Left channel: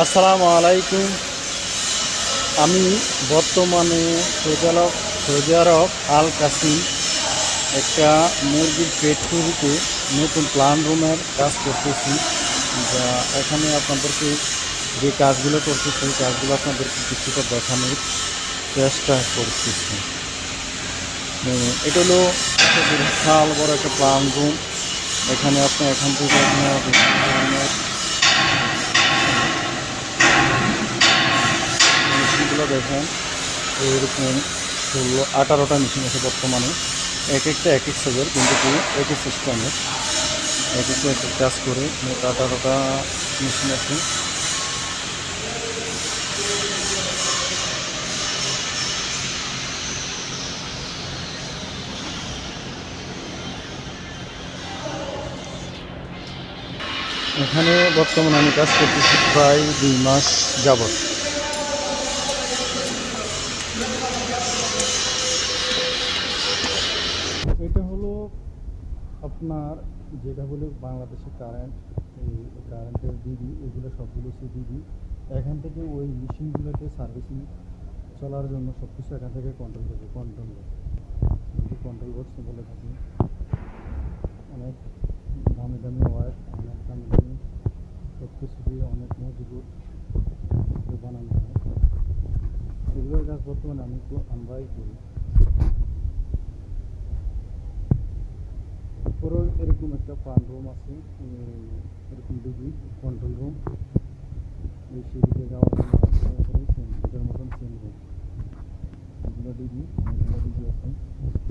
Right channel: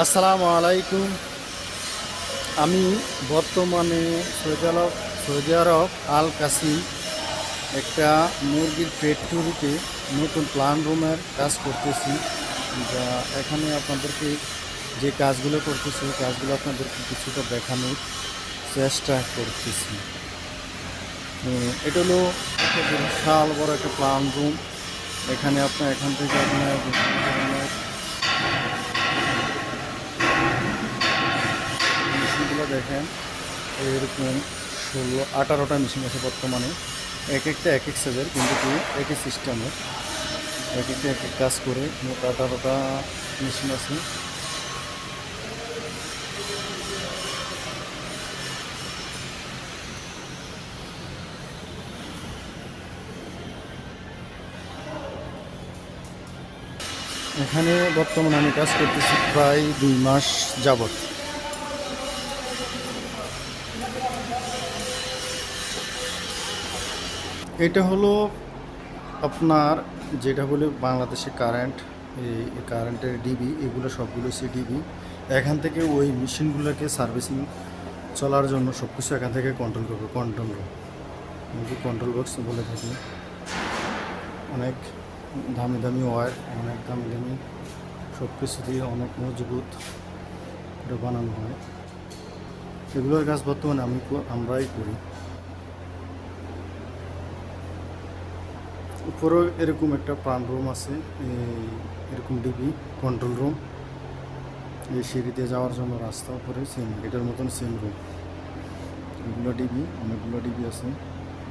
আসসালামু আলাইকুম। আমি বর্তমানে সৌদি আরব আল কাসিম একটা মুরগির ফ্যাক্টরিতে নতুন প্ল্যান রুমের কাজ করতেছি। যা এখানে আপনাদেরকে যে কাজগুলো করতেছি সেই কাজগুলো আপনাদেরকে কিছুটা দেখানোর চেষ্টা করতেছি। এটা হলো একটা বিশাল বড় একটা প্ল্যান রুম। এখানে আপনি এখান থেকে বিভিন্ন ধরনের মেশিনগুলো দেখেন। এরকম 18টা মেশিন আছে বর্তমানে। এক একটা এক এক সাইজের, কিন্তু একই সিস্টেমের, এক একটা এক এক কাজ করে। 18টা মেশিন আছে। এখানে বর্তমানে আমি কাজ করতেছি প্রায় 2 মাস যাবৎ। এটা হলো আপনার যেটা বলে বাংলাদেশে কারেন্ট, এই কারেন্টের ডিবি, এগুলো সবগুলো হচ্ছে ডিবি। এখান থেকে ওই মেশিনগুলোকে সার্ভিসিং চলার জন্য সব কিছু এখান থেকে কন্ট্রোল করবে। কন্ট্রোল রুম, কন্ট্রোল বক্স বলে থাকি। অনেক দামি দামি ওয়্যার, অনেক দামি দামি সব কিছু দিয়ে অনেক মজবুত এটা বানানো হয়। এগুলোর কাজ বর্তমানে আমরাই করি। উপরেও এরকম একটা প্রাণ রুম আছে, এরকম ডিবি কন্ট্রোল রুম। এই সিঁড়ি দিয়ে যাওয়ার জন্য রাস্তা উপরে সেম, এটার মতন সেম রুম। এগুলো ডিবি, অনেকগুলো ডিবি আছে।